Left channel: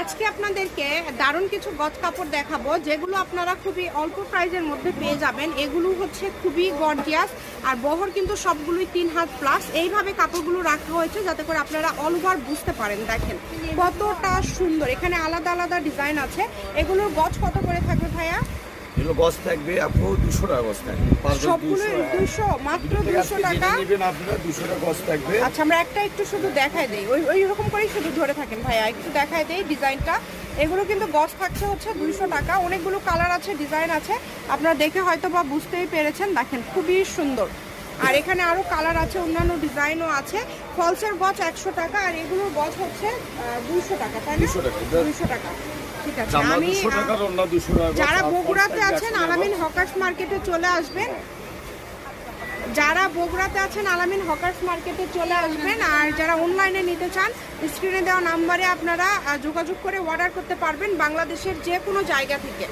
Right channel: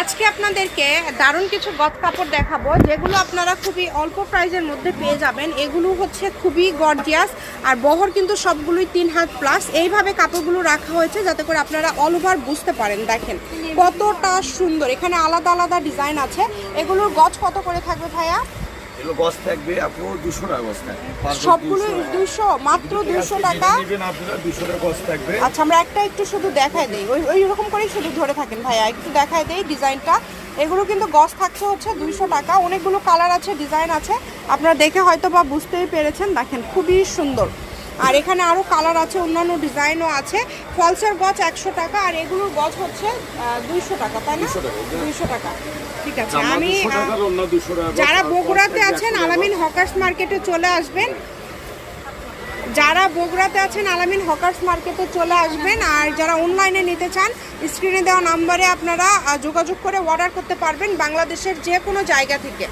আজকে আপনাদেরকে দারুণ কিছু গজ কাপড় দেখাবো, যেগুলো আপনারা খুবই অল্প প্রাইজের মধ্যে পেয়ে যাবেন। এগুলো হচ্ছে খুবই গর্জিয়াস, আর বহর কিন্তু সবগুলোই 3 হাত প্লাস। এইভাবে কাপড়গুলো রাখা হয়েছে যাতে করে আপনারা অল ওভার বুঝতে পারেন। দেখেন কতটা সুন্দর, এখানে আলাদা আলাদা ডিজাইন আছে। এগুলোর গজ কত করে থাকবে ভাইয়া? এগুলো গজ থাকবে আপনার 200 টাকা গজ থাকবে। সবগুলো 200, মাত্র 200 টাকা। নেবেন আপনারা 200 টাকা গজ থাকবে। আচ্ছা, আমরা একটা একটু শুধু দেখাই দেই, ওই রকম করেই শুধু ধরে থাকেন ভাইয়া, একটু দেখাই দেই ডিজাইনটা। এগুলো কিন্তু গজ থাকছে হচ্ছে 200 টাকা। অনেকগুলো কালার আছে, ডিজাইন আছে, আপনারা দেখে হয়তো বা বুঝতেই পেরেছেন। দেখেন খুবই সুন্দর। আর এখানে আরো কালার আছে, অন্যান্য ডিজাইনও আছে। ফলসের গজ 100 টাকা, আর এগুলোর গজ হচ্ছে 200 টাকা, তাই না? 200 টাকা। ঠিক আছে, আমি যারা বগুড়াতে আছেন আলামিন হকার্স মার্কেটে চলে আসবেন, যারা বগুড়াতে আছেন আলামিন হকার্স মার্কেটে চলে আসবেন। আর যারা অনলাইনে নিতে চান, স্ক্রিনে দেওয়া নাম্বারে আপনারা যোগাযোগ করে অর্ডার করতে পারবেন বাংলাদেশের যে কোনো জায়গা থেকে।